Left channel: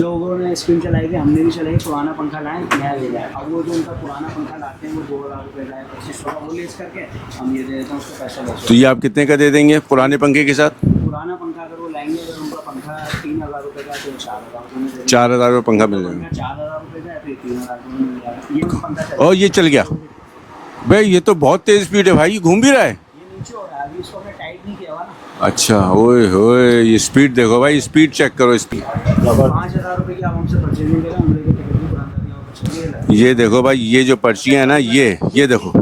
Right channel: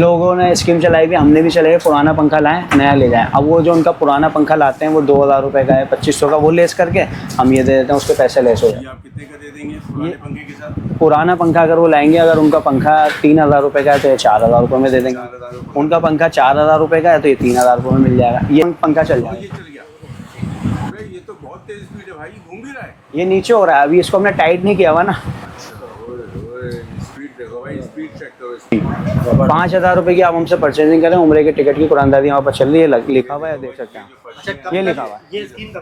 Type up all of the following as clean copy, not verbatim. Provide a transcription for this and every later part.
लोगों ने स्कीम चलाई भी, हमने भी चलाई, पुराना पंखा लाएं नया ले जाएं। अब वो जो उनका पुराना पंखा लाते हैं वो 2000 रुपये का है, 2500 का, वो लेस करके हम ये दे देते हैं, उसके पैसे लेस तो होते ये हैं। आप कितने का दे देंगे पुराने पंखे के साथ? पुराना पंखा अगर वो लाएंगे, अगर उनका पंखा 3000 रुपये का है तो ये 4000 रुपये में दे देंगे। 4000 रुपये पंखा उनका पंखा 4000 रुपये का है तो ये 3000 रुपये में मिल जाएगा। ये पंखा चल और ये चल गया भाई, ये तो बहुत तेज स्पीड है भाई, ये घूम भी रहा है। ये नीचे हो रहा है, अभी इसको हमने टाइट नहीं किया हुआ ना। अच्छा, ओए होए, ये स्पीड देखो भाई, स्पीड चेक करो इसकी। 5000 रुपये की आप हमसे परचेजिंग करें, उम्रे की टिकट की कुरानदादी वहाँ पर चल रही है, लगती है। ये देखो भाई, ये जो पर्ची है ना, ये देखो,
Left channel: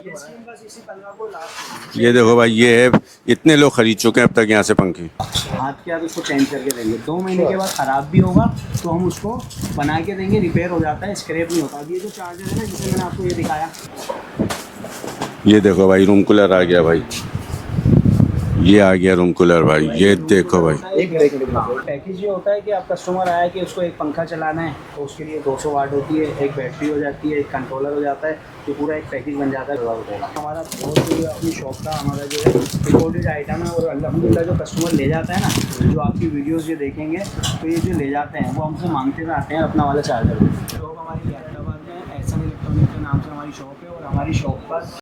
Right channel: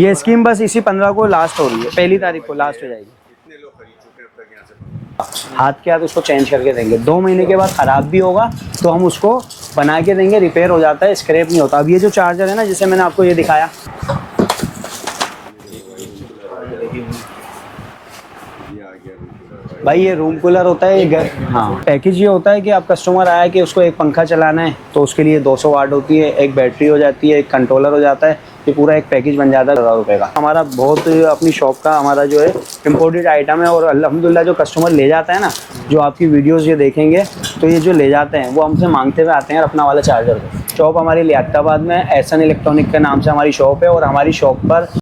ये स्कीम बस इसी 15 को लास्ट हो रही है। ये पहली देखो तारीख भाई, को ये है, लास्ट इतने लोग खरीद चुके हैं अब तक यहाँ से पंखे। हाथ के हाथ उसको चेंज करके देंगे। 2 महीने के बाद ख़राब भी होगा तो हम उसको बना के देंगे, रिपेयर हो जाता है, स्क्रैप नहीं होता। अब ये जो चार्जर है ना, जिसे मैंने आपको ये दिखाया, ये देखो भाई, रूम कूलर आ गया भाई, ये आ गया रूम कूलर भाई, ये रूम देखो कूलर भाई। होता है। हाँ, पैकेज ये होता है कि आप कस्टमर आया कि उसको एक पंखा चलाना है तो उसके लिए 200 वाट होती है, एक बैटरी हो जाती है, एक कंट्रोलर हो जाता है। ये पूरा एक पैकेज बन जाता है 1000 रुपये का। हमारा बहुत अपनी शॉप का हमारा जो है इम्पोर्टेड आइटम है, और अल्हम्दुलिल्लाह जो कस्टमर ले जाता है ना, जो आपकी वीडियोज़ ये देखेंगे तो ये जो ले जाते हैं वो हमसे मांगते हुए आते हैं अपना वाला चार्जर। शॉप हमारी लियाकताबाद में एहसन इलेक्ट्रॉनिक के नाम से हमारी शॉप है, और हमारी शॉप पर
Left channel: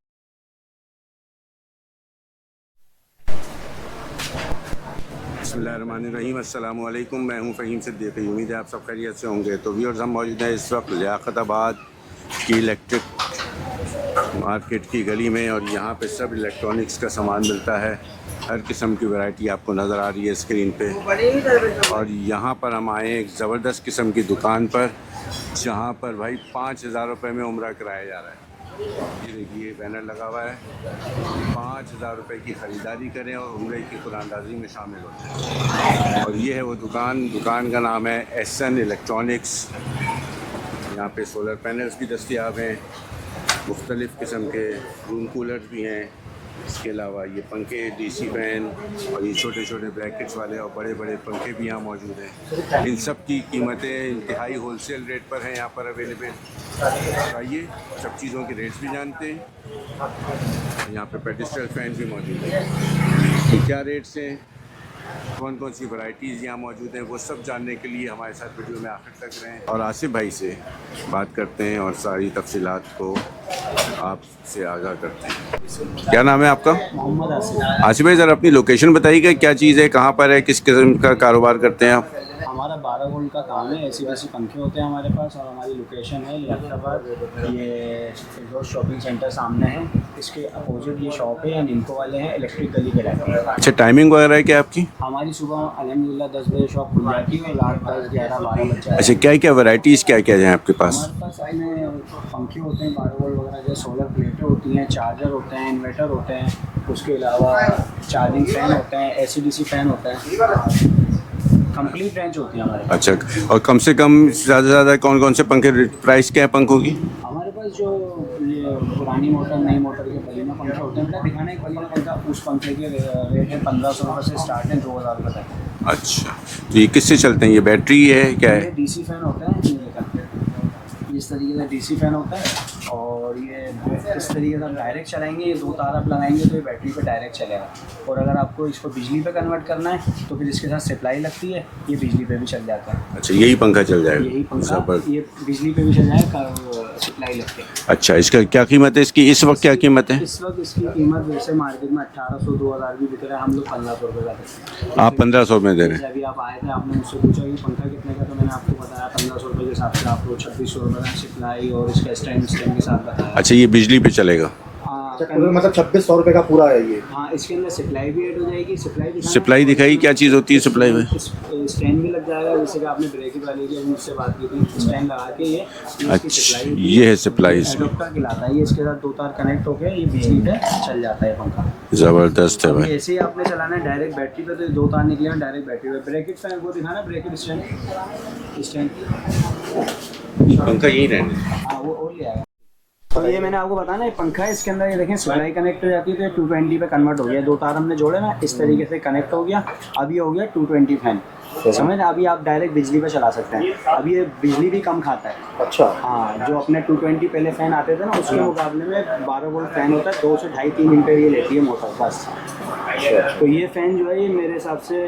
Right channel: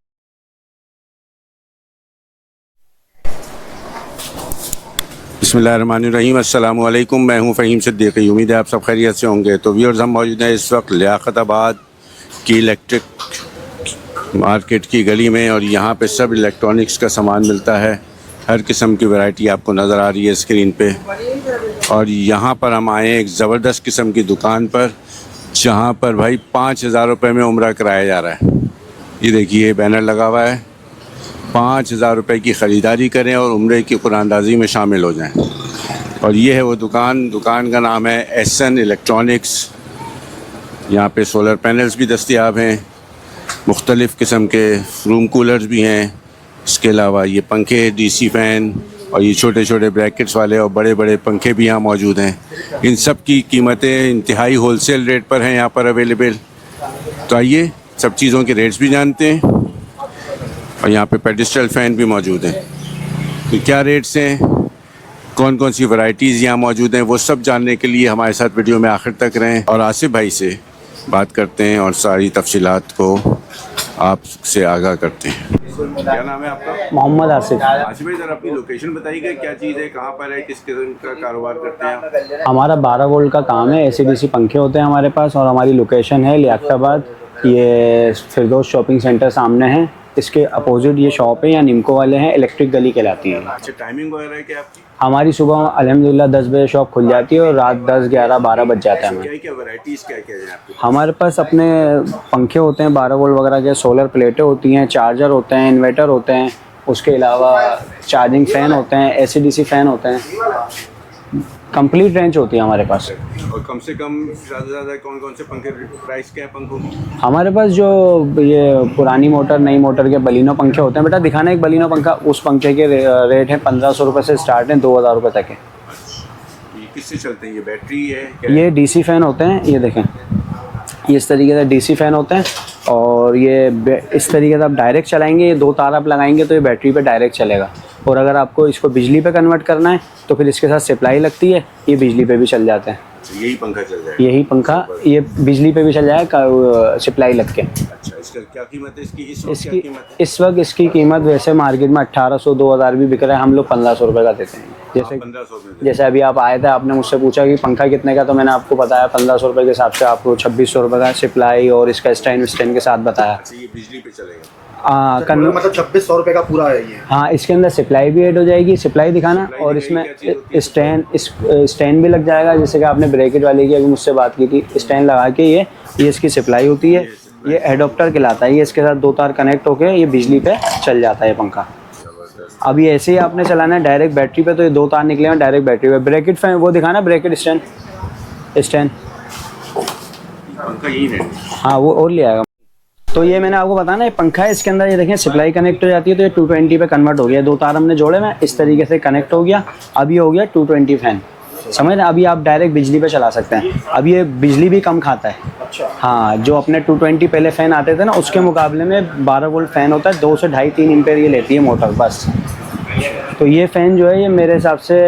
बिस्मिल्लाहिर्रहमानिर्रहीम, अस्सलाम वालेकुम। मैं हूं फ़हीम सिद्दीकी, उम्मीद है आप सब खैरियत से होंगे। तो व्यूअर्स, हम मौजूद हैं इस वक्त लियाकताबाद की इलेक्ट्रिक मार्केट की गली में, और यहाँ पे सब इलेक्ट्रॉनिक्स का सामान मिलता है। हर किस्म की वैरायटी आपको नज़र आ रही है स्क्रीन पे। और यहाँ पर हम आए हैं एक ज़बरदस्त किस्म की दुकान पर, जहाँ पर भाई 5000 रुपये में उम्रा कराया जा रहा है। ये देखिए, बैनर लगा हुआ है, 5000 रुपये की ख़रीदारी करें और उम्रे की कुरानदाजी में शामिल हो जाएं। और ये है वो दुकान का नाम है एहसन इलेक्ट्रॉनिक्स। यहाँ पे सोलर पैनल्स भी दस्तयाब हैं, मुख्तलिफ़ किस्म के रूम कूलर्स भी हैं। इसके अलावा ये पंखे, डीसी फ़ैन, और ये छोटे छोटे ब्रैकेट्स वाले और बड़े बड़े पंखे भी यहाँ मौजूद हैं। इन सब की कीमतें इंतहाई होलसेल रेट पर हैं यहाँ पर अवेलेबल। तो आइए सब चीज़ों के रेट्स भी जानते हैं। और यहाँ पे पेडिस्टल फ़ैन भी मौजूद हैं। तो क्या रेट्स हैं, कौन कौन सी वैरायटीज़ यहाँ मौजूद हैं, वो सब जानने के लिए हमारे साथ वीडियो में आखिर तक रहें। और आसिफ भाई से बात करते हैं और सारी तफसीलात को आपसे आगाह करते हैं। क्या नाम है आपका? मोहम्मद आसिफ। आसिफ भाई, ज़रा अपनी लोकेशन बताइएगा, क्या चीज़ है, कहाँ पर है, किस किस्म का कारोबार करते हैं आप? हमारा 12 वोल्ट का काम है, AC/DC पंखे होते हैं हमारे पास, और हमारी लोकेशन है लियाकताबाद। ये फिरदौस शॉपिंग सेंटर सामने है, इसके अपोजिट ये शॉप है, या निमको वाले हैं, इलेक्ट्रिक गली कहलाती है। अच्छा, टाइमिंग वगैरह है क्या आपकी? हमारी सुबह अल्हम्दुलिल्लाह 10 बजे शॉप खुल जाती है, और रात 10, 11, 12 बज जाता अच्छा, है। क्या क्या वैरायटीज़ क्या क्या हैं आपके पास? हमारे पास अपने पंखे होते हैं 12 वोल्ट वगैरह के, सोलर प्लेटें होती हैं, चार्जर होते हैं, इन्वर्टर होते हैं, उसके अलावा चार्जिंग फ़ैन होते हैं, AC/DC फ़ैन होते हैं, कंप्लीट रेंज होती है हमारे पास। अच्छा, और कम से कम ज़्यादा से ज़्यादा कौन कौन से पंखे, प्राइस क्या है पंखों की? हमारे पास जो ये पुरानी मोटर, नई मोटर के बलिनो पंखे होते हैं, बेटा दिखाना एक बलिनो पंखा, उस पंखे के रेट है 1500 रुपये से स्टार्ट है, 2000 रुपये तक है। अच्छा, तो ये किससे चलते हैं, ये बैटरी है क्या ये है? DC फ़ैन होते हैं, ये देखें, ये इस तरीके से DC फ़ैन होते हैं, और ये इस तरीके से आप डायरेक्ट चलाएंगे, ये 2 तार आप लगाएंगे तो ये बैटरी पे डायरेक्ट चलेगा। और अगर आपको इसको बिजली पे कन्वर्ट करना है तो फिर इसके साथ सप्लाई लगती है, ये बिजली पे भी चल जाते हैं। अच्छा, यही पंखा चल जाएगा? यही पंखा ये बिजली पे भी चल जाएगा, सप्लाई लग के। अच्छा, इसका क्या कीमत है इसकी इस वक्त, क्या कीमत है? इस वक्त इसकी कीमत वैसे मार्केट में 1800, 2000 भी बिक रहा है, हम लोग 1500 रुपये का देते हैं। आप 1500 में दे रहे जैसे अभी आप आए थे, आपने मुझसे पूछा कि पंखा कितने का, तो मैंने आपको बताया 1500 रुपये के हिसाब से आपको 2600 रुपये का सप्लाई और इसका स्टैंड के साथ बताया। अच्छा, ये बिजली पे चलेगा? मतलब 2600 रुपये का पूरा है ये। हाँ, इसके अंदर सप्लाई भी ऐड हो जाएगी। सप्लाई दिखाना, सप्लाई दिखाई, क्या चीज़ होती है सप्लाई में? स्टैंड भी लग जाएगा, जैसे कि आपने ब्रैकेट वाले की अभी मुझसे बात की थी, स्टैंड लगा के ये इसकी सप्लाई होती है। ये सप्लाई, एडोप्टर कहलाता है, ये इसके साथ 2 तार कनेक्ट होके ये बिजली पे चल जाता है पंखा। ज़बरदस्त। अब ये ऐसे ही आपने चलाना है डायरेक्ट बैटरी पे, तो ये 2 तार निकले हैं डायरेक्ट बैटरी पे। ब्रैकेट फैन वो दिखाना, ब्रैकेट स्टैंड पंखा यही है? हाँ, वो और ले आएगा। तो ये मैंने आपको बताया ना, ये पंखा है, इसके अंदर ये देखें सप्लाई कनेक्ट हो जाती है, तो ये 220 पे कन्वर्ट हो गया। 2 तार हमने जोड़े में इस तरीके से कनेक्ट हो गया, अब ये हो गया 220 फैन, समझ रहे? अभी आप डायरेक्ट बिजली पे चला सकते हैं। अब ये बिजली भी कम खाता है। अच्छा, हाँ, जो अपने 220 पहले फ़ैन आते थे ना, उसके मुकाबले में 12 वोल्ट फ़ैन होता है, 2 से 2.5-3 एम्पेयर ये लेती है मोटर बस। तो ये फ़ैन जो है ये मेरे हिसाब से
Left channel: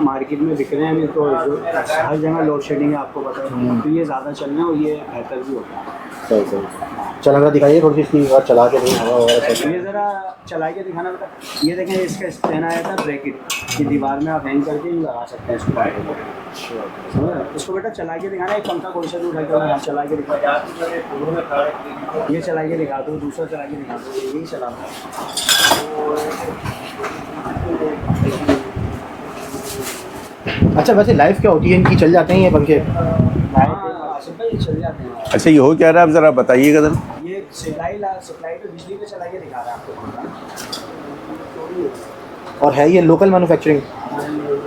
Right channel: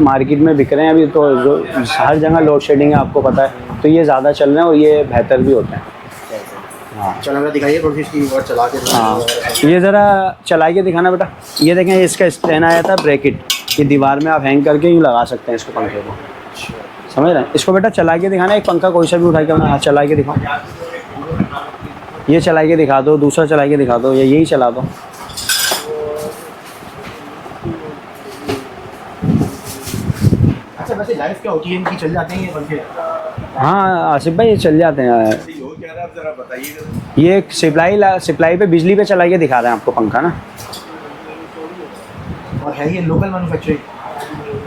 मार्केट में बिक रहे हैं अभी, तो जो हर जगह लोड शेडिंग है आपको पता है, तो ये ज़्यादा चल रहे हैं और ये बेहतर भी होते हैं। सही सही। चलो हमें दिखाइए थोड़ी सी इसकी और चला के हाँ, ये ज़रा चला के दिखाना बेटा। ये देखें, इसका स्टैंड आया था ब्रैकेट, ये दीवार में आप हैंग करके यूँ लगा सकते हैं इसको पंखे को, समझ रहे हैं। इसको बेटा चला के दिखाना, एक पंखा कोई सा भी उठा के अपना हाथ चला के दिखाओ, ये चला के दिखा दो, दूसरा चला के दिखा दो, या यही चला दो। अच्छा वैसे लाइफ क्या होती है इनकी, चल जाते हैं ये पंखे? हाँ आसिफ भाई, ये चल जाते हैं। अच्छा ये हो क्या रहा है, आप ज़रा बताइएगा जरा। ये एक सप्लाई पे, बिजली पे चला के दिखा रहे हैं आपको पंखा ना। और है ये लोकल मैन्युफैक्चरिंग?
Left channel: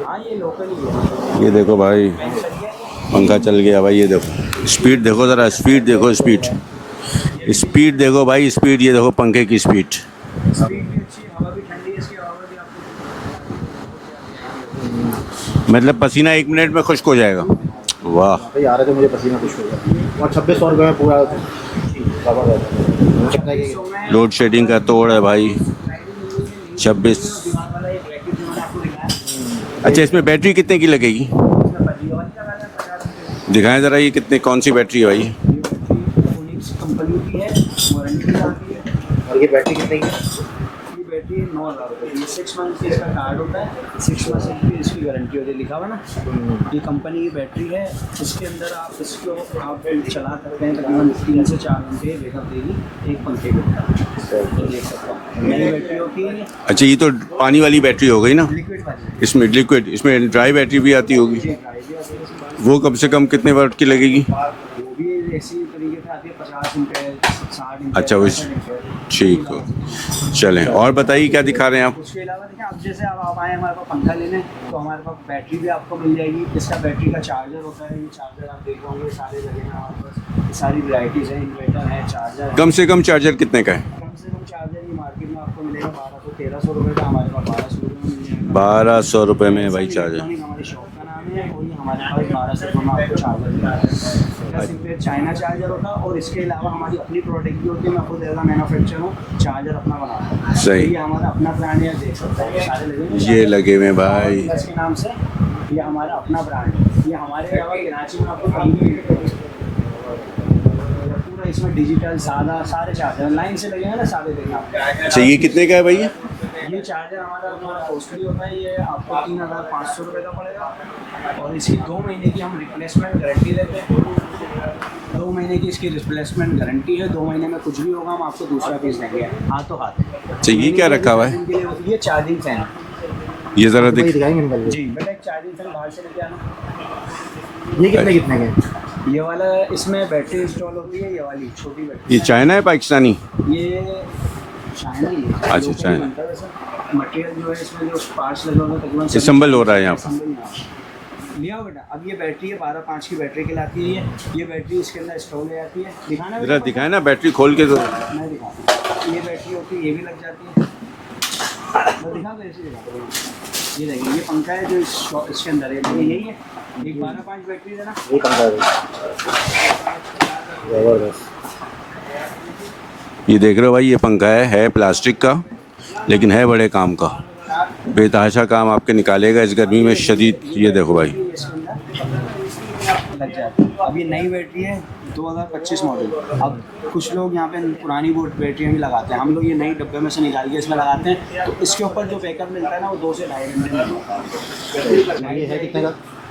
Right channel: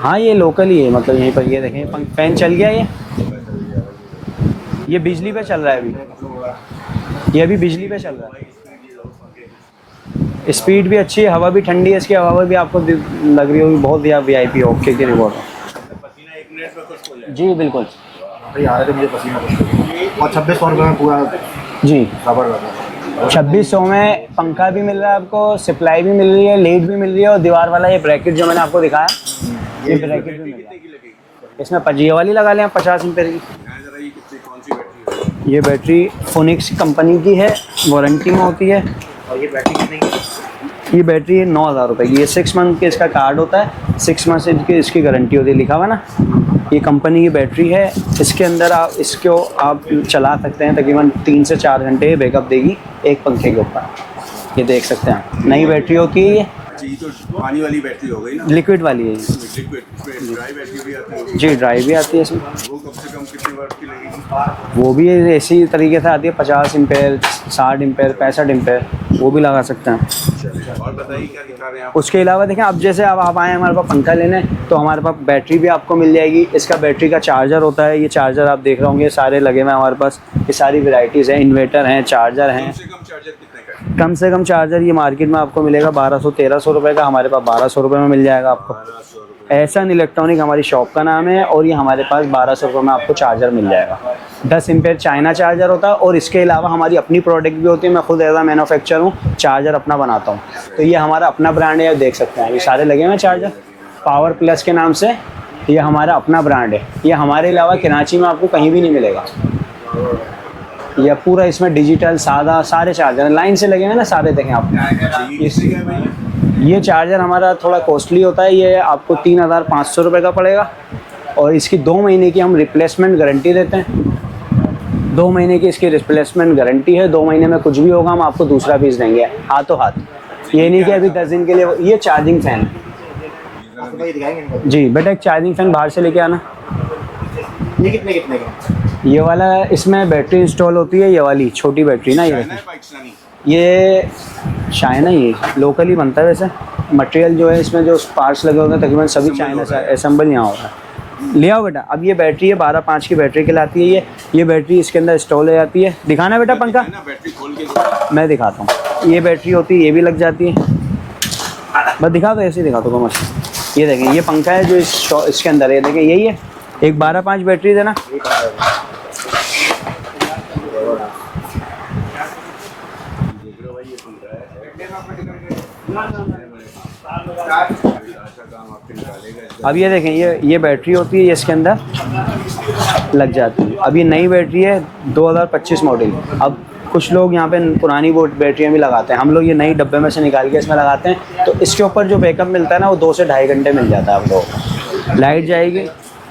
हाँ ये लोकल ही है, मतलब यहीं पर। ये ये देखो देखिए, भाई। फैन चल गया ये, पंखा चल गया भाई, ये देखो स्पीड देखो बिजली ज़रा, पे चल रहा है। स्पीड देखो, स्पीड ये अभी बिजली स्पीड पे देखो भाई, स्पीड ये देखो पंखे की स्पीड। स्पीड भी अच्छी है, हवा भी ठंडी है, इसकी हवा भी आपको लग रही होगी बहुत VIP ओके की रिपोर्ट। मतलब पसीना 1 मिनट में खुश्क हो जाएगा। जी बिल्कुल वाह, भाई आ रहे थे मुझे पसीना कुछ और 2600 रुपये में पूरा जी। जबरदस्त। 2600 में लोड शेडिंग का तोड़ है भाई। सप्लाई भी मिल रही है, लीड भी मिल रही है, और 26। दीवार वाला ये ब्रैकेट जो मैंने आपको दिखाया, अच्छा इसमें बैटरी कितने की लगेगी? इसमें 5G वाली लगा लें आप, 50 एम्पीयर की। दिखाएं ज़रा ये कितने, कौन सी बैटरी है भाई? ये बैटरी फोनिक्स कंपनी की है, वारंटी में होती है। और ये बैटरी कितने की? ये बैटरी है 9,000 रुपये की। ये 6 मंथ के इसका कार्ड होता है, 6 मंथ से इसकी गारंटी होती है, लिखा हुआ ना। ये कंपनी की बैटरी है, इसके अंदर इसको आप चला सकते हैं, तकरीबन 3 से 4 घंटे बैकअप देगी एक पंखे के ऊपर। ये देख सकते हैं, नई बैटरी होती है ये, अच्छा ये तो पानी वाली बैटरी हो गई ना? लिक्विड वाली है। इसमें लिक्विड, इसमें ड्राई बैटरी भी आती होगी? जी ड्राई भी आती है इसमें। वो कम से कम कितने वाट की लगेगी? वो भी इसी तरीके से आती है, 50 एम्पेयर, 60 एम्पेयर, अच्छा, 65 एम्पेयर, वो भी लगा सकते हैं। चलें, और बताइए क्या दिखा रहे हैं आप? उसके अलावा देखें, अब जैसे अब आप आए हमारे पास पंखा लेने, तो हमारे पास बैटरी भी आपको मिल जाएगी। इसका बैटरी का चार्जर होता है, ये चार्जर आप देख रहे होंगे सारे लगे हुए हैं हमारे पास। ये सारी वैरायटीज़ हैं, इन्वर्टर हैं, चार्जर हैं। कम से कम चार्जर कितने का है? कम से कम चार्जर ये मार्केट में आपको मिलेगा 1200-1300 रुपये का, हमारे पास 1200 रुपये में मिल जाएगा। 1200 रुपये में एहसन भाई इलेक्ट्रॉनिक हमारी शॉप का नाम है, और ये हमारे पास 1200 रुपये में आपको चार्जर मिल जाएगा। 10 एम्पेयर चाइना चार्जर होता है, और इसके अलावा हमारी अपनी प्रोडक्ट भी होती है। मैं खुद एज आ मैन्युफैक्चर हूँ, चार्जर अपना बनाता हूँ। तो ये हमारा अपना ब्रांड है, देख सकते हैं ये सारे लगे हुए हैं चार्जर, ये लगे हुए हैं भाई। पावर प्लस के नाम से, ये हमारा अपना ब्रांड है। ये हमारे अलावा कराची में आपको कहीं भी नहीं मिलेगा। ये पूरा इसमें डिजिटल सादा सारे चार्जर लाइन से लगे हुए हैं ना, सारे देखें आप। अच्छा ये कितने का है भाई? ये चार्जर हमारा थोड़ा कॉस्टली होता है, ये आपको 3500 रुपये का पड़ेगा, और इसकी 2 महीने की हम रिप्लेसमेंट गारंटी देते हैं। 2 महीने की इसकी रिप्लेसमेंट गारंटी है, 2 महीने में कुछ भी होगा हम आपको दूसरा पीस देंगे हाथों हाथ। ये नहीं क्या कि रखा हुआ है? 10 दिन के लिए ये चार्जिंग फैन। ये ज़रा भाई दिख, दिखाएंगे इनका? जी बेटा, एक चार्जिंग फैन बाहर से लेके आना। ये कितने कितने के? ये वाला इसमें बैटरी इंस्टॉल होती है, ये वाली छोटी बैटरी ना। ये चाइना है पाकिस्तानी? ये चाइना ही लोकल ही चाइना। बनता है वैसे। मटेरियल जो है इसमें जो पार्ट्स लगे होते हैं तकरीबन सभी Assemble हो रहा है यहाँ। असेंबल यहाँ हो रहा है। ले आओ बेटा। अब ये बैटरी है 12.5 की बैटरी कहलाती है ये बैटरी इसके अंदर इंस्टॉल हो जाती है। दिखाना बेटा पंखा, दिखाए ना बैटरी खोल के तो। मैं दिखाता हूँ। ये बैटरी होती है, ये भी लग जाती है। बस दिखा दो, ऐसे ही दिखा दो मस्त। ये देखें, ये पंखा है जो इसके अंदर है, देखें यही है। एक 12.5 बैटरी देना। ये कहाँ है? जबरदस्त। ये देख रहे हो भाई, ये पंखा है प्लास्टिक का, लेकिन है बड़े काम का, बेतहाशा काम आपके निकालेगा इस अब गर्मी ये में देखें, शदीद। ये बैटरी देखो होती भाई, है, ये इसके अंदर लग जाती है। अब ये नई बैटरी है 2025 मॉडल। अब कुछ लोग यहाँ पे पुरानी बैटरियाँ भी लगाते हैं, हम लोग ये नई डब्बे में से निकाल के इसमें लगाते हैं। तो इसके ऊपर जो बैकअप मिलता है ना, वो 2 से ढाई घंटे मिल जाता है आप लोग। लाइट जाएगी।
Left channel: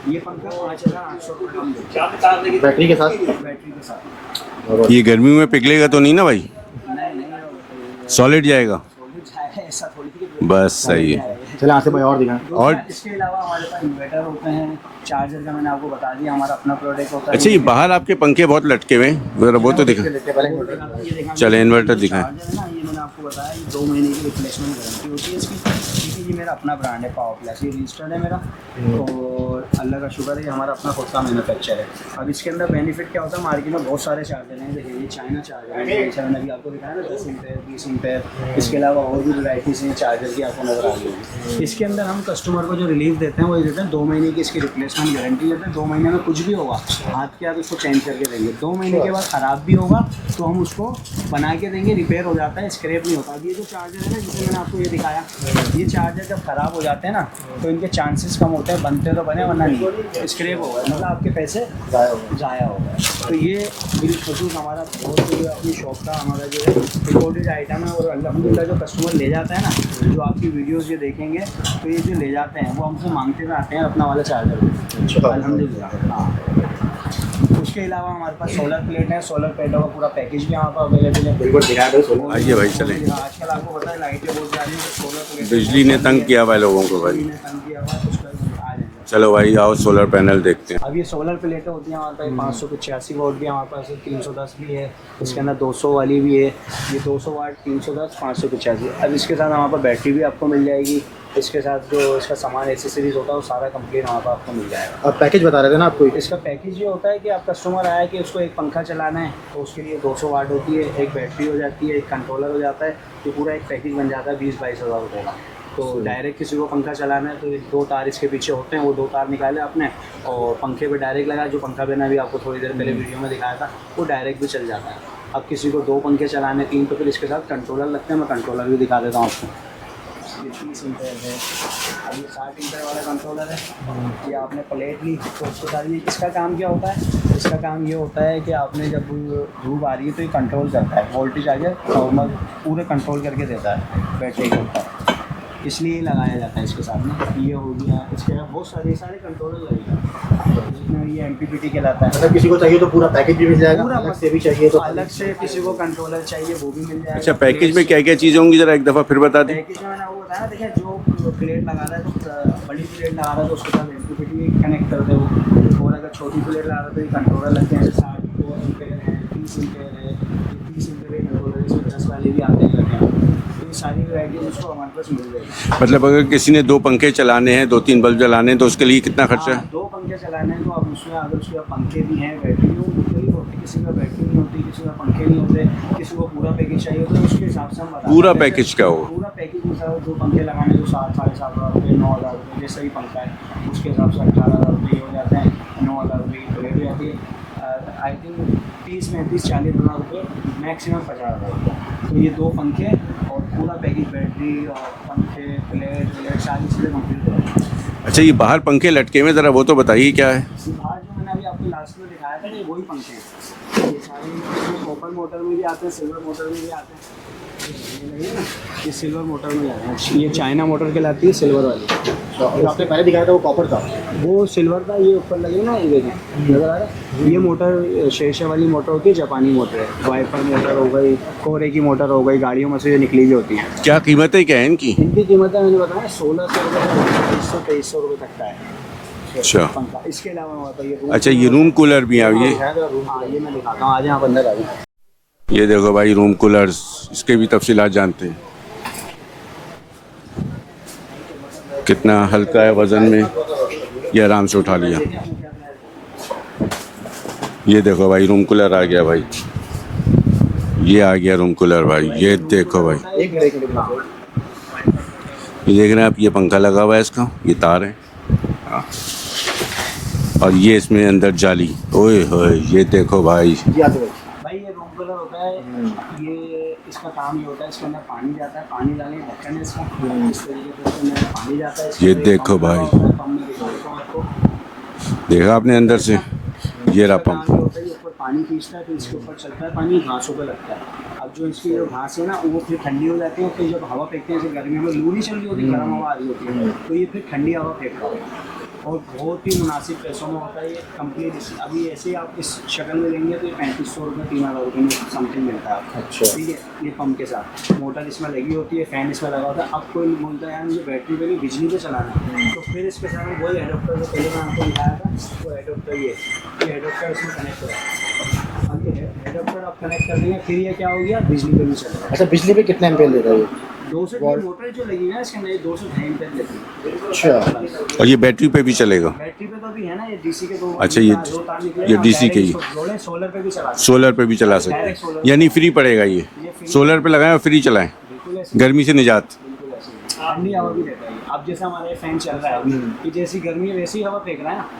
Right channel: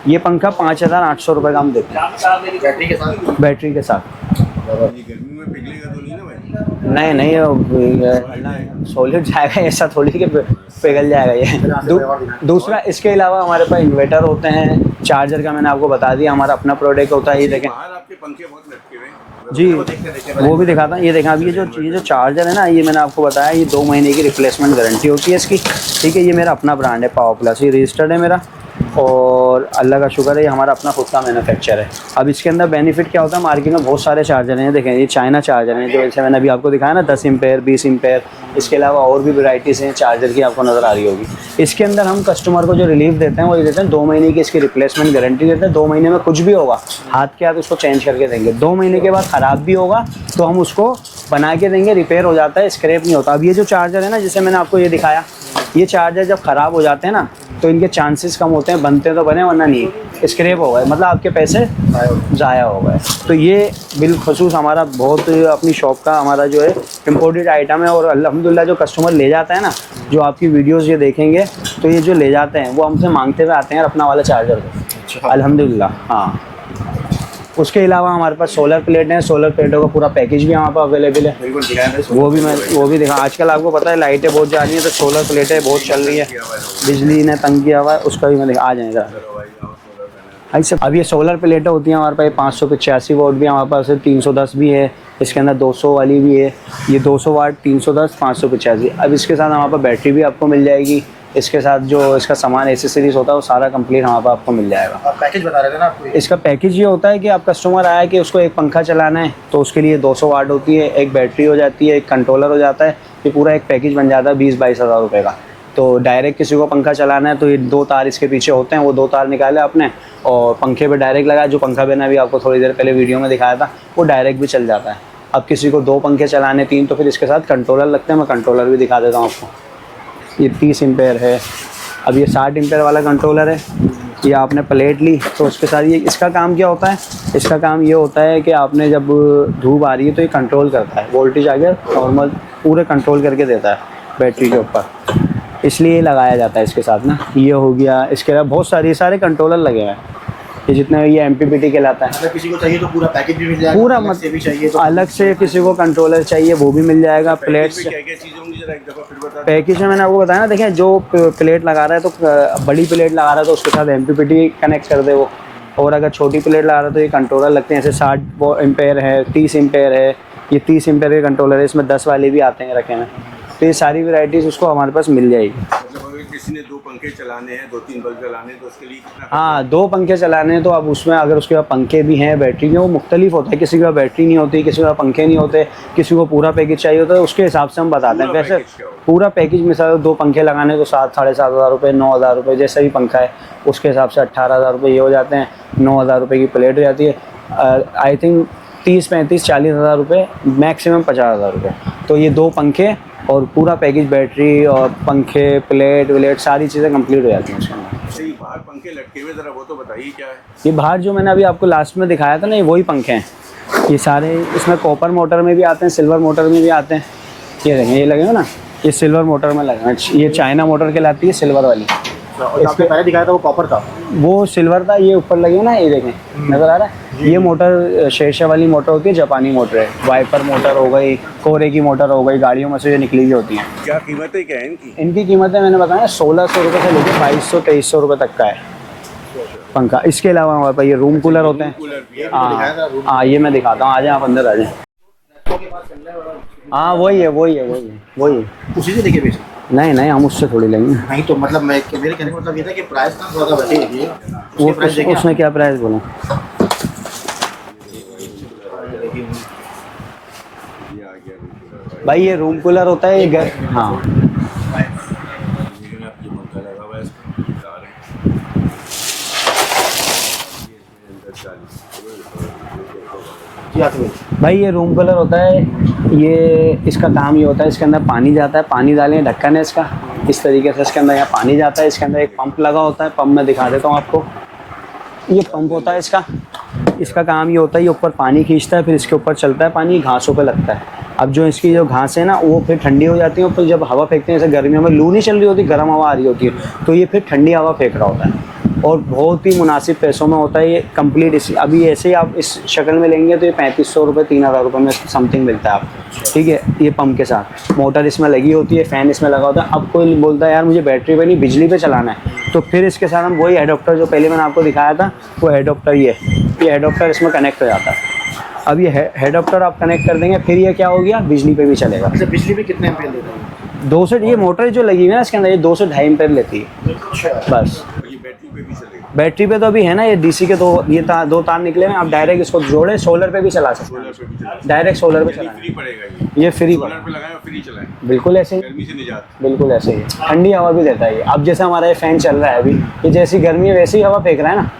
ये पंखा 5800 रुपये का हम देते हैं बैटरी के साथ? बैटरी के साथ। ये गर्मी में पिघलेगा तो नहीं ना भाई? नहीं सॉलिड जाएगा? सॉलिड जाएगा, ऐसा थोड़ी कि बस पिघल सही है। जाएगा ये। चलो यहाँ से कोई और दिखाएं। दूसरा और? इसके अलावा हमारे पास इन्वर्टर होते हैं, चार्जर का मैंने आपको बता दिया, हमारा अपना प्रोडक्ट होता है। अच्छा, ये देखें। बाहर आपके पंखे बहुत लटके हुए हैं, जी, वो तो दिखा। वो भी दिखाता हूँ। ये देखा, चले, इन्वर्टर दिखाएं। चार्जर है ना, ये मैंने आपको बताया, ये 2 महीने की रिप्लेसमेंट गारंटी होती है इसकी। ठीक है, ये मेरा अपना ब्रांड है पावर प्लस, ये रजिस्टर्ड है मेरा। और अल्लाह का शुक्र है ये हमारा अपना खुद का मैन्युफैक्चर है। अब इसके अंदर बेनिफिट क्या होता है, मार्केट में बहुत सारे चार्जर हैं, देखें ये चाइना चार्जर हैं जो जैसे मैंने अभी आपको दिखाया ना 10 एम्पेयर 20 एम्पेयर, इसके अलावा और भी वैराइटीज़ हैं चार्जर की आपको नज़र आ रही होगी। इसके अंदर हम कस्टमर को जो रिलीफ देते हैं वो ये देते हैं 2 महीने की इसकी रिप्लेसमेंट गारंटी देते हैं। 2 महीने में कुछ भी होगा हाथ के हाथ उसको चेंज करके देंगे। 2 महीने के बाद ख़राब भी होगा तो हम उसको बना के देंगे, रिपेयर हो जाता है, स्क्रैप नहीं होता। अब ये जो चार्जर है ना जिसे मैंने आपको ये दिखाया, ये चार्जर जब ख़राब हो जाते हैं ना तो इनके चांसेस कम होते हैं, बनते तो बने वरना नहीं, स्क्रैप हो गए मतलब आपके पैसे ज़ाया हो गए। तो ये बिलखसूस हमारा बहुत अपनी शॉप का हमारा जो है इम्पोर्टेड आइटम है। और अल्हम्दुलिल्लाह जो कस्टमर ले जाता है ना, जो आपकी वीडियोस ये देखेंगे तो ये जो ले जाते हैं वो हमसे मांगते हुए आते हैं अपना वाला चार्जर अल्हम्दुलिल्लाह। हाँ, उसके अलावा हमारे पास सोलर प्लेट है, सोलर प्लेटों का पूरा पैकेज भी हमारे पास अवेलेबल है, वो भी दिखा। आजकल आपको पता है लाइटें बहुत जा रही हैं तो सोलर प्लेटें बहुत चल रही है, बिजली ने तंग किया हुआ है, उसका भी मैं दिखा आ जाएगा। चलो भाई आओ सोलर पैनल देखते हैं। अब ये सोलर प्लेटें होती हैं हमारे पास 585 वोल्ट भी हमारे पास है, 310 भी है, इसके अंदर 200 वाली भी है, ये 200 वाट 310 585। अब इसके साथ हमारे पास बैटरी भी आपको मिल जाएगी, इसके साथ जो इसका सामान एसेसरीज होता है वो सारा कंप्लीट हमारे पास आपको मिल जाएगा। आप पैकेज बता रहे थे ना आपको, इसका पैकेज ये होता है कि आप कस्टमर आया कि उसको एक पंखा चलाना है तो उसके लिए 200 वाट होती है, एक बैटरी हो जाती है, एक कंट्रोलर हो जाता है, ये पूरा एक पैकेज बन जाता है 20-22 हज़ार रुपये का। तो डायरेक्ट किसी को पंखा चलाना है तो ये 2 तार इसके पीछे होते हैं, वो 2 तार निकाले आपने और पंखे पे डायरेक्ट लगाया। जो पंखा मैंने अभी आपको थोड़ी देर पहले वीडियो में दिखाया था वो डायरेक्ट भी चल जाता है। अब किसी को 2 पंखे चलाने 3 तो फिर इसके साथ कंट्रोलर लगते हैं, मैं कंट्रोलर भी दिखा देता हूँ आपको। ये 30 एम्पेयर है, अब ये 60 एम्पेयर वाला कंट्रोलर है। ये आपने प्लेट ली तो उसके साथ ये इसका काम क्या होता है, इसका काम ये होता है कि आपने जब धूप आ रही है तो ये कंट्रोल करता है, वोल्टेज आ गया नॉर्मल पूरे कंट्रोल करके देता है बैटरी के ऊपर, इसलिए ये लगाया जाता है इसके साथ ना। ये हो गया, इसके अलावा बहुत सारे कंट्रोलर लगे हुए हैं, ये जितने ये MPPT कहलाता है। अगर किसी को चाहिए तो पूरा पैकेज भी मिल जाएगा, पूरा अलग से भी चाहिए तो अलग से किसी को कंट्रोलर चाहिए वो भी मिल जाएगा। पैकेज में क्या क्या चीज़ें होंगी जरा एक दफ़ा फिर बता दें। पैकेज में मैंने आपको बताया ना, देखिए जो प्लेट लगा रहा है तो बड़ी प्लेट लगा रहा है तो उसके साथ MPPT कनेक्ट कर दे वो, और अगर छोटी प्लेट लगा रहा है तो ये कंट्रोलर लगते हैं, जैसे 60 एम्पेयर है, 30 एम्पेयर है, ये 30 एम्पेयर के कंट्रोलर है, इसमें 10 वाले भी आते हैं रखे हैं। तो ये सारी वैरायटीज़ उसको हमारे पास मिल जाएगी। मतलब अगर किसी ने 2 पंखे चलाने हैं 2-3 बल्ब जलाने हैं तो उसके लिए कितना खर्चा हाँ, है? 2 पंखे चलाने हैं तो अब उसमें अगर उसके पास पंखे भी हैं बैटरी में वो मुख्तलिफ होता है, किसी के पास बैटरी नहीं होती, किसी के पास पंखे नहीं होते, किसी को पूरा पैकेज चाहिए होता है, उसके हिसाब से हम बताते हैं। पूरा पैकेज क्या होगा? पूरा पैकेज मिसाल 2 पंखे लगाने तो 7-7.5 हज़ार रुपये, 9 हज़ार रुपये, जैसा भी पंखा है उसके हिसाब से 18 हज़ार रुपये ये हो जाते हैं, 9 हज़ार रुपये की प्लेट हो जाती है। आई थिंक 30-35-40 हज़ार रुपये, मैक्सिमम 50 हज़ार रुपये। तो ये 2 पंखे और पूरा पैकेज बैटरी और पंखे प्लेट सारी चीज़ें कंप्लीट हो जाती हैं। अच्छा, ये बाहर पंखे लटके हुए ज़रा वो तो बताइए क्या है? ये बाहर जो मैंने अभी आपको लास्ट में दिखाया था ना, ये वही पंखे हैं। ये सारे इसमें कॉपर मोटर में भी आते हैं, सिल्वर मोटर में भी आते हैं। ये देखें, ये लगेगा ना, ये सिल्वर मोटर में लगा, ये चाइना मोटर कहलाती है सिल्वर वाली। और आपने पहले दिखाया था वो कॉपर था, वो सिल्वर था, ये ऊपर लगे ना, ये देखें नज़र आ रहा है। ये मोटर शेरशाह वाली मोटर होती है, जापानी मोटर है। वाइपर मोटर हो गई, कोरे की मोटर हो गई, गाड़ियों में से ये निकली हुई होती हैं। क्या कीमतें क्या है इनकी? इनकी कीमतें मैंने बताया 1600 रुपये से लेकर 2200-2300 रुपये तक का है अच्छा पंखा। इसके अलावा हमारे पास ये रूम अच्छा, कूलर ये होता रूम है। कूलर भी है ये? हाँ, ये मैं दिखाता हूँ, आ जाए आप अंदर आ जाए। ये देखो भाई रूम कूलर, हाँ वही है, इसके भी वही तफसीलात जानते हैं। वही उसी से देखिए पीछे। नहीं हम उससे थोड़ी लेंगे। नहीं तो मतलब मैं कितना हल्का है वजन में, ये आराम से उठा लेंगे। उसमें क्या प्राइस बोला? ये देखो भाई रूम कूलर आ गया भाई, ये आ गया रूम कूलर भाई। भाई ये रूम देखो कूलर भाई, होता है ये हाँ, ये देख रहे हैं आप, ये पंखा लगा हुआ है, इसका ये तार है हाँ। और ये इसमें अंदर जाली, ओए होए ये देखो भाई। भाई ये रूम कूलर होता है, ये इसका काम ये होता है, इसके अंदर पानी जाता है, पानी डालें, ढक्कन है इसका, इस तरीके से इसके अंदर यहाँ पानी जाता है, इसके ये अंदर एक देखो पंप लगा भाई। होता है, पंप में दिखा देता हूँ आपको। देखा आपने अंदर से, ये इसका रहा काम ये होता है, ये ऊपर पानी खींचता है, फिर इसके ऊपर चलता है पानी, घासों पे लगता है। अब जो इसकी जो घास है ना वो फिर ठंडी हो जाती है, और फिर जब हवा फेंकते हैं, जैसे गर्मियों में लू नहीं चल रही होती, गर्म हवा आ रही होती है, तो ये फिर ठंडी हवा फेंक रहा होता है, और बहुत ही मुनासिब पैसों में होता है ये कंप्लीट। इस अभी ऐसे ही आप इस शक्ल में लेंगे तो ये 3500 रुपये 3000 रुपये में समथिंग मिलता है आपको। ठीक है, ये पंप के साथ मोटर इसमें लगी होती है, फ़ैन इसमें लगा होता है। अब कोई बोलता है यार मुझे बैटरी पे नहीं बिजली पे चलाना है, तो फिर इसके साथ हम वही एडोप्टर जो पहले मैंने आपको दिखाया था, वो एडोप्टर ये एडोप्टर इसमें कनेक्ट हो जाता है। अब ये एडोप्टर आप कनेक्ट कर देंगे, फिर ये क्या हो गया, बिजली पे भी चलेगा। अच्छा, बिजली पे कितने एम्पेयर दे रहे हो? 200 ये मोटर जो लगी हुई है ना इसके अंदर, ये 202 एम्पेयर लेती है अच्छा। बस। और ये बैटरी पे भी चलेगा? बैटरी पे तो अभी है ना, ये डीसी के अच्छा, दो तार निकले हैं, आप DC डायरेक्ट के इसको जोड़े सोलर पे भी चला सकते सोलर पे भी चला सकते डायरेक्ट सोलर पे यानी फ्री पड़ेगा ये फ्री सोलर पे लगाएं और फ्री चलाएं, बिल्कुल ऐसे ही, गर्मी से निजात। बिल्कुल ऐसे ही ठंडी हवा भी देता है ये। अब जैसे हमारा ये फैन चल रहा है अभी, ये जैसी गर्मी है वैसी ही हवा फेंक रहा है ना।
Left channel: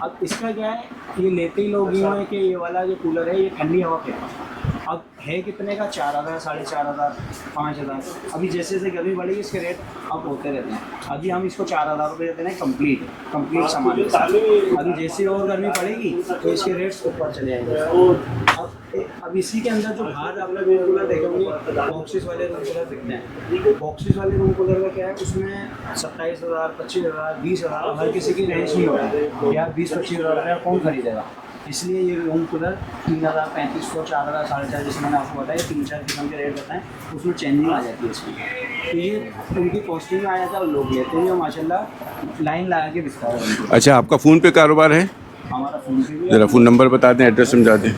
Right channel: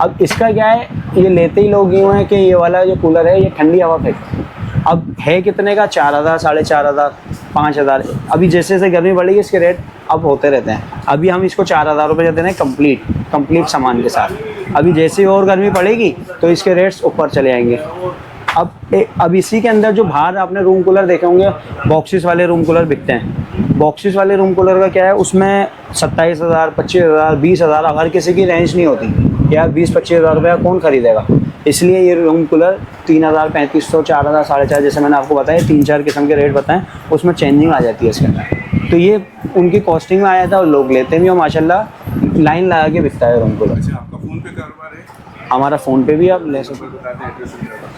अब इसका क्या है, ये लेते ही लोग यूँ हैं कि ये वाला जो कूलर है ये ठंडी हवा फेंकता है। अब है कितने का, 4000, 4500, 5000। अभी जैसे जैसे गर्मी बढ़ेगी इसके रेट अब होते रहते हैं। अभी हम इसको 4000 रुपये देते हैं कंप्लीट सामान के साथ। अभी जैसे और गर्मी पड़ेगी तो इसके रेट्स ऊपर चले जाएंगे। अब इसी के अंदर जो बाहर आपने रूम कूलर देखे होंगे, बॉक्सेस वाले रूम कूलर बिकते हैं। बॉक्सेस वाले रूम कूलर का क्या है, उसमें 27,000, 25,000, 20,000, हर किसी की रेंज नहीं होती यार। 20-25 हज़ार रुपया कौन खरीदेगा? इसलिए ये रूम कूलर 3,000, 3,500, 4,000, 4,500, जैसे मैंने आपको बताया 3-4 किस्म के रेट बताएं, उसमें चेंजिंग आ जाती है इसके अंदर। तो ये उनकी कॉस्टिंग में आया था और लोग लेते भी और माशाल्लाह लाइन लगा के बिकता है रूम कूलर। अच्छा, आपका फ़ोन पे कारोबार है? हमारा फ़ोन पे भी है। जरा फ़ोन नंबर बता दें, एड्रेस समझा दें।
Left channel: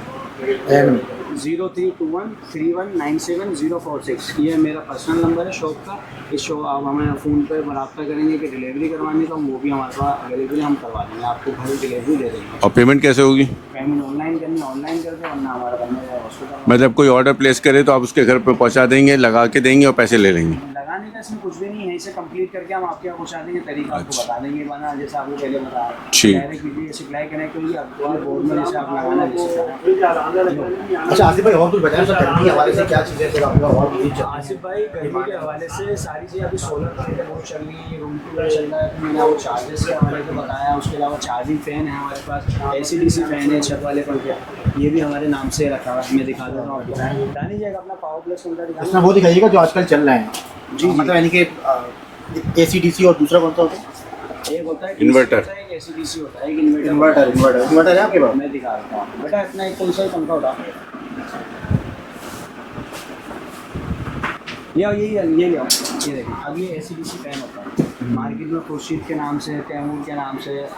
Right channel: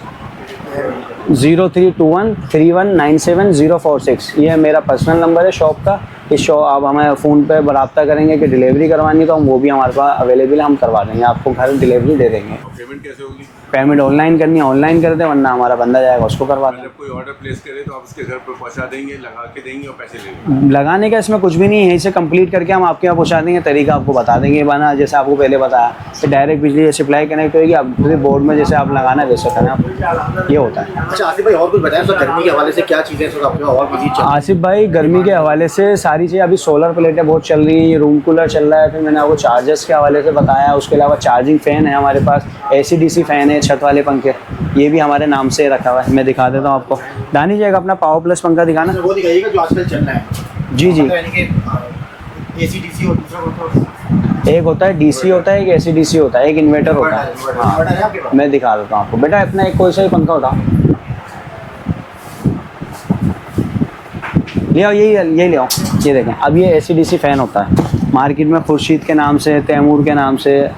03213197 046, ये मेरा पर्सनल नंबर है शॉप का। इस शॉप आप हमें फ़ोन पे रब्ता करेंगे कि डिलीवरी करवानी तो हम वो भी हमारे पास अवेलेबल है, हम करवा देंगे, आपको घर डिलीवरी दे देंगे। और पेमेंट कैसे होगी? पेमेंट ऑनलाइन करनी है ऑनलाइन कर दे, वरना हमारा बंदा जाएगा उसको करवा देंगे। मतलब कोई ऑर्डर प्लेस करे तो आप उसके घर पे पहुंचा देंगे, लगा के देंगे और पैसे ले लेंगे? लगाने का इसमें कुछ भी नहीं है, यहीं से कंप्लीट करके हम आपके यहाँ पहुँचा देंगे। तरीका आपको बता देंगे बना, जैसे आपको पहले बताया, डायरेक्ट बिजली सप्लाई कनेक्ट होगी, आप पूरे बोर्ड में जैसे आप लगाना है वैसे करना, ये होता है। अच्छा आसिफ भाई, और कुछ बताएं सर, गर्मी के हवाले से क्या चीज़ें सर आपके और मजीद चल रही हैं? आसिफ भाई, गर्मी के हवाले से सारी चीज़ें, अभी सोलर प्लेटें बहुत चल रही हैं, ये रूम कूलर चल रहा है, फिर मैंने आपको चार्जर्स के हवाले से बताया। उसके अलावा चार्जिंग फ़ैन है हमारे पास, AC/DC फ़ैन है, छत वाले पंखे, ये भी हमारे नाम से रखा हुआ है। मैं दिखा देता हूँ आपको। दानी जाएगा अपना पावर प्लस पंखा दिखाना। वो दिखाइएगा जो आजकल चल रहा है। जी जी, मतलब यानी कि AC/DC और दूसरा कौन सा? एक होता है DC होता है, एक AC/DC होता है, एक इन्वर्टर होता है। इन्वर्टर है आपके पास? मैं दिखा देता हूँ आपको बेटा, अपना एक कोई सा ही पंखा होता, ले आओ, यही ले आओ। ये देखें, अब ये AC/DC फ़ैन होता है मार्केट में, खुर्शीद के नाम से, तैमूर के नाम से,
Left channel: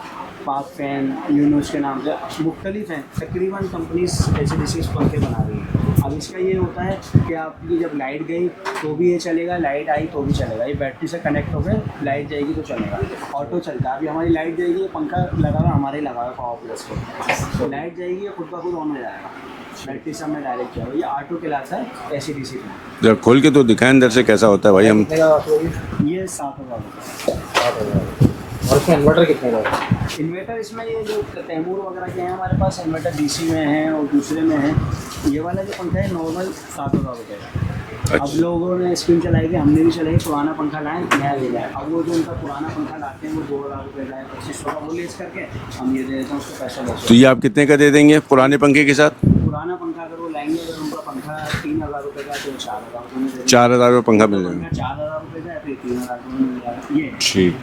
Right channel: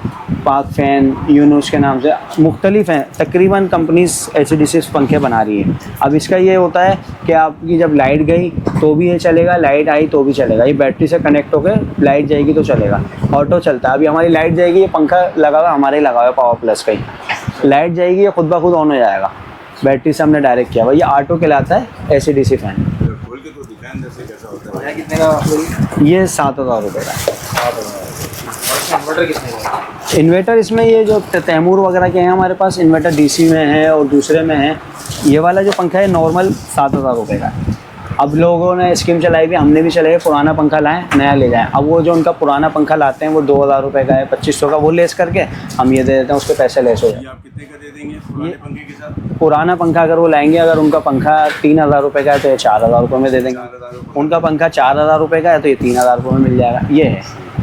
पाक फ़ैन, यूनुस के नाम से मुख्तलिफ हैं। तकरीबन कंपनीज AC/DC पंखे बना रही हैं। अब इसका ये होता है कि आपकी जब लाइट गई तो भी ये चलेगा, लाइट आई तो भी चलेगा। ये बैटरी से कनेक्ट होकर लाइट जाएगी तो चलेगा, ऑटो चलता है। अभी हमारी लाइट जाएगी, ये पंखा लगा हुआ हमारे ही लगा हुआ है पावर प्लस का ही, लाइट जाएगी ये खुद ब खुद ऑन हो जाएगा, बैटरी से हमने डायरेक्ट किया हुआ। ये ऑटो कहलाता है AC/DC फ़ैन। जब खोल के तो दिखाएं अंदर से कैसा होता है भाई। हम ये 7,000 रुपये का है। और इसमें इन्वर्टर किसने का? इन्वर्टर इसमें ये जो तैमूर वगैरह के हैं हमारे पास, इन्वर्टर DC में है और दूसरे में है। ये वाला जो पंखा है नॉर्मल 7,000 रुपये का है। अब लोगों ने स्कीम चलाई भी, हमने भी चलाई, पुराना पंखा लाएं नया ले जाएं। अब वो जो उनका पुराना पंखा लाते हैं वो 2,000 रुपये का है, 2,500 का, वो लेस करके हम ये दे देते हैं, उसके पैसे लेस हो। तो ये आप कितने का दे देंगे पुराने पंखे के साथ? पुराना पंखा अगर वो लाएंगे, अगर उनका पंखा 3,000 रुपये का है तो ये 4,000 रुपये में दे देंगे। 4,000 रुपये उनका पंखा 4,000 रुपये का है तो ये 3,000 रुपये में मिल जाएगा। ये है। ठीक।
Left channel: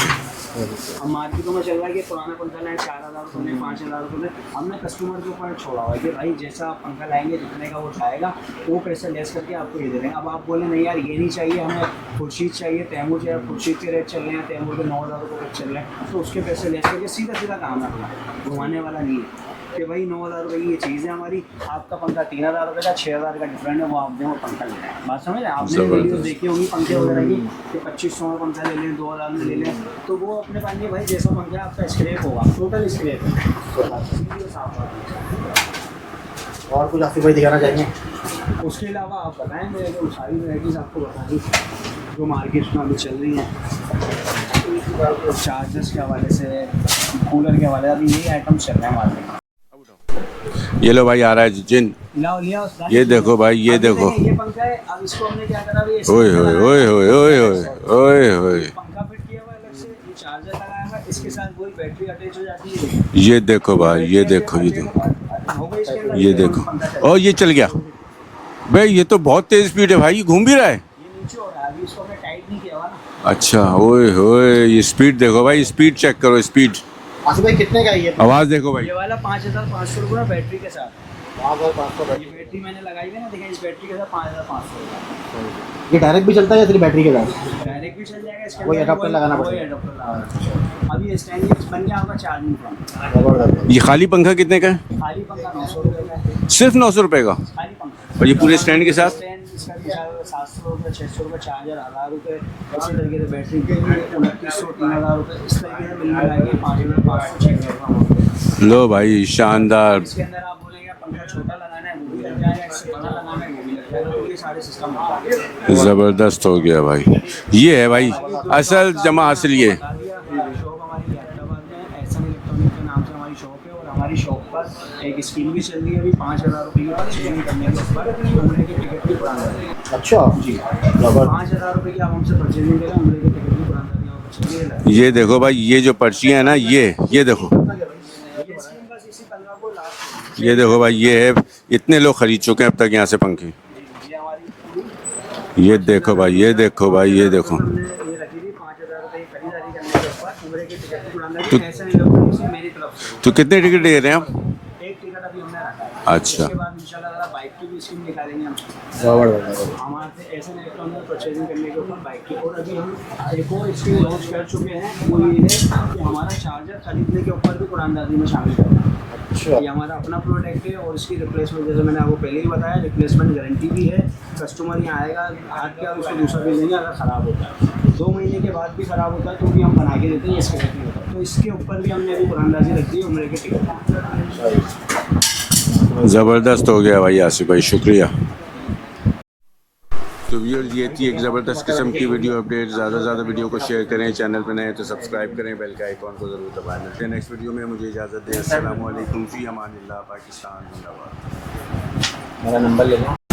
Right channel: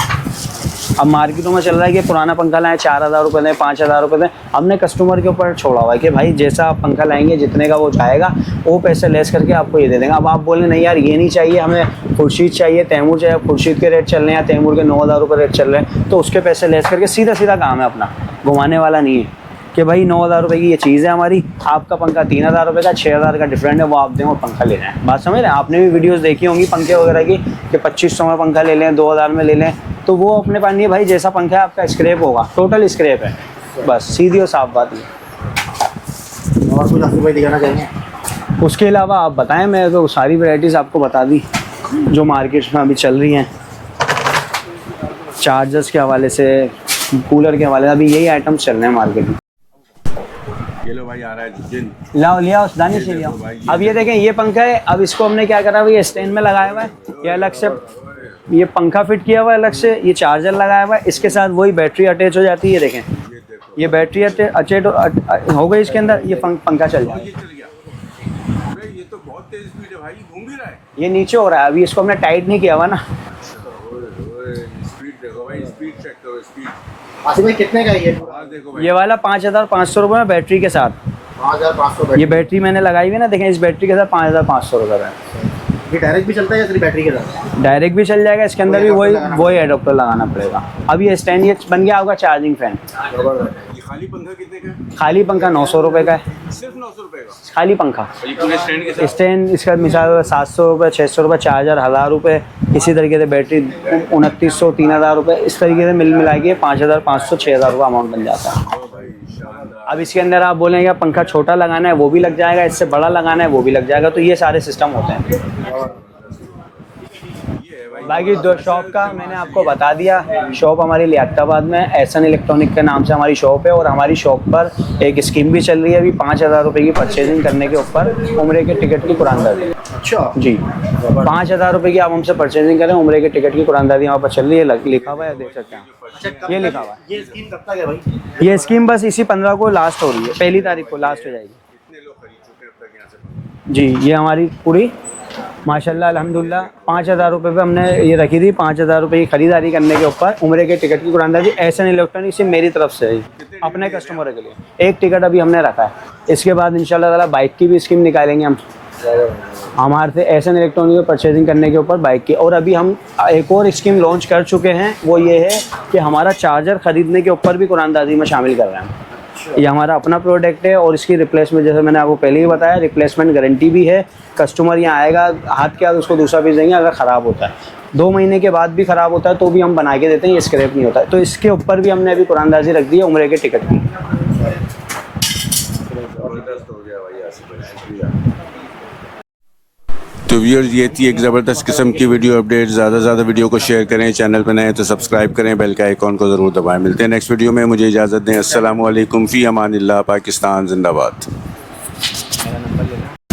अब मार्केटों में चल रहा है कि पुराना पंखा लाएं 4,000 रुपये दें, 5,000 रुपये दें। हमने कस्टमर के ऊपर छोड़ा हुआ है कि भाई जैसा आप पंखा लाएंगे जितने का वो जाएगा वो पैसे लेस करके आपको ये दे देंगे। अब आप बोले नहीं यार ये नहीं चाहिए, हमें खुर्शीद चाहिए, तैमूर चाहिए, खुर्शीद के रेट चल रहे हैं, तैमूर के 9,000 रुपये रेट चल रहे हैं, तो उसके पैसे लेस करके सीधा सीधा काम है अपना, घुमाने वाला नहीं है कि भाई 9,000 रुपये की ये चीज़ है हमारी, आपका पंखा 3,000 रुपये का, 6,000 का डिफरेंट है, वो आप दें और पंखा ले लें। बात समझ रहे हैं? आपने भी वीडियोस देखी होंगी पंखे वगैरह की कि 2,500 में पंखा ले लें, 2,000 में ले लें, तो वो अपने पास नहीं है भाई। जैसा पंखा है आपका स्क्रैप होगा, टोटल स्क्रैप है, तो बस सीधी और साफ बात है। और कुछ आसिफ भाई दिखाना चाहेंगे? उसके अलावा आप बताएं, मैं तो सारी वैरायटीज़ आपको बता दी जो मार्केट में अभी चल रही हैं। चार्जर्स के हवाले से, कूलर के हवाले से, अभी यही आइटम्स चल रहे हैं मार्केट में। ये लो भाई, आ रहा है जिन, लाओ लिया उस दाने ये से देखो लियाओ। भाई, ये अब ये देखो। देखें, ये पंखा है। अब इसको हमने क्या करा, ये स्टेज में लगाया हुआ है, ये अलग से ये पंखा फिट किया हुआ है अलग से, ये चार्जर लगाया हुआ है, इसके साथ वही बैटरी अटैच हो जाती है। देखें ये देखो ये भाई, बैटरी ये देखो, अटैच हो गई इसके अंदर, ये पंखा चल, और ये चल गया भाई। ये तो बहुत तेज स्पीड है भाई, ये घूम भी रहा है। ये नीचे हो रहा है, अभी इसको हमने टाइट नहीं किया हुआ ना। अच्छा, ओए होए, ये स्पीड देखो भाई, स्पीड चेक करो, स्पीड। आसिफ भाई कितने का है ये? आवाज़ देखो भाई। ये वाला 5,500 रुपये में बैटरी के साथ। 5,500। ये बैटरी मैंने लगाई हुई है ना, देखें इस बैटरी के साथ 5,500 रुपये का है। ये डायरेक्ट भी चलता है या सिर्फ बैटरी के साथ? डायरेक्ट भी चल जाएगा, इसके अंदर भी वही एडोप्टर लगाना पड़ेगा। अब ये स्टैंड ये बन गया आपका चार्जिंग फैन। ये खाली पंखा कितने का है? खाली पंखा 900 रुपये का है, सिर्फ 900 रुपये का। खाली पंखा। और ये पूरे स्टैंड के साथ? स्टैंड इसका मिसाल 700 रुपये, 600 रुपये, 4000, 1000 रुपये, इसी तरीके से बैटरी 2900, 3000 रुपये, इस तरीके से मिला के 5500, 6000 रुपये अमाउंट बन जाता है। लो भाई अब शानदार। इसके अंदर आप बोलेंगे पंखा छोटा लगाना है वो भी लग जाएगा, इससे बड़ा लगाना है वो भी लग जाएगा, तो ये सारे सिस्टम होते हैं। ज़बरदस्त हो गया भाई। ये है भाई बाकी असल शॉप का जमा मैंने हासिल आपको ये है। बता दिया। शॉप हमारी लियाकताबाद में एहसन इलेक्ट्रॉनिक के नाम से हमारी शॉप है, और हमारी शॉप पर एक स्कीम भी चल रही है अभी 5000 रुपये की परचेजिंग करने के ऊपर उम्रे के टिकट की कुरानदारी। अच्छा जी 5000 रुपये की आप हमसे परचेजिंग करें, उम्रे के टिकट की कुरानदारी यहाँ पर चल रही है। ये देखो भाई, ये जो पर्ची है ना, ये देखो, ये स्कीम बस इसी 15 को लास्ट हो रही है। ये पहली देखो तारीख भाई, को ये लास्ट है, इतने लोग खरीद चुके हैं अब तक यहाँ से पंखे। जी ये हमारी पूरी ये माशाल्लाह, देखो भाई, ये अल्हम्दुलिल्लाह, देखो भाई, 5000 ये रुपये देखो। पे हमने ये रखी थी। 5000 रुपये की खरीदारी करने के ऊपर उम्रे के टिकट की कुरानदारी एहसन इलेक्ट्रॉनिक से मेरी तरफ से है। तो कितने टिकट अपने दे रहे हैं कस्टमर आप? के लिए। एक टिकट अभी हमने रखा है। अच्छा। इसके बाद इंशाल्लाह ताला बाइक की भी स्कीम निकालेंगे हम हमारे से एहसन इलेक्ट्रॉनिक में परचेजिंग करने के ऊपर बाइक की। और अभी हम एक और स्कीम लॉन्च कर चुके हैं, वो ये है कि हमारा चार्जर खरीदने के ऊपर भी कुरानदारी में शामिल कर रहे हैं। ये हमारा अपना प्रोडक्ट है और इसकी रिप्लेसमेंट, जैसे मैंने आपको पहले ही बताया, रिप्लेसमेंट गारंटी भी है। कस्टमर यहाँ आएगा, हाथ के हाथ उसको दूसरा पीस देंगे। अगर ख़राब होता है 2 महीने के बाद भी ख़राब होता है तो भी हम बना के देते हैं, ये स्क्रैप नहीं होता है। तो इसके ऊपर भी हमने अभी कुरानदारी रख दी है उम्रे के टिकट की। ज़बरदस्त हो गया भाई आसिफ भाई, शुक्रिया। तो व्यूअर्स, ये थी एक ज़बरदस्त किस्म की वीडियो अपडेट। ज़्यादा से ज़्यादा वीडियो को शेयर करें, चैनल पर नए हैं तो सब्सक्राइब करें, बेल का आइकॉन को ज़रूर दबाएं। मिलते हैं नेक्स्ट वीडियो में, मुझे इजाज़त दें। अस्सलामु अलैकुम, फ़ी अमानिल्लाह, पाकिस्तान जिंदाबाद। मेरा नंबर ले लो।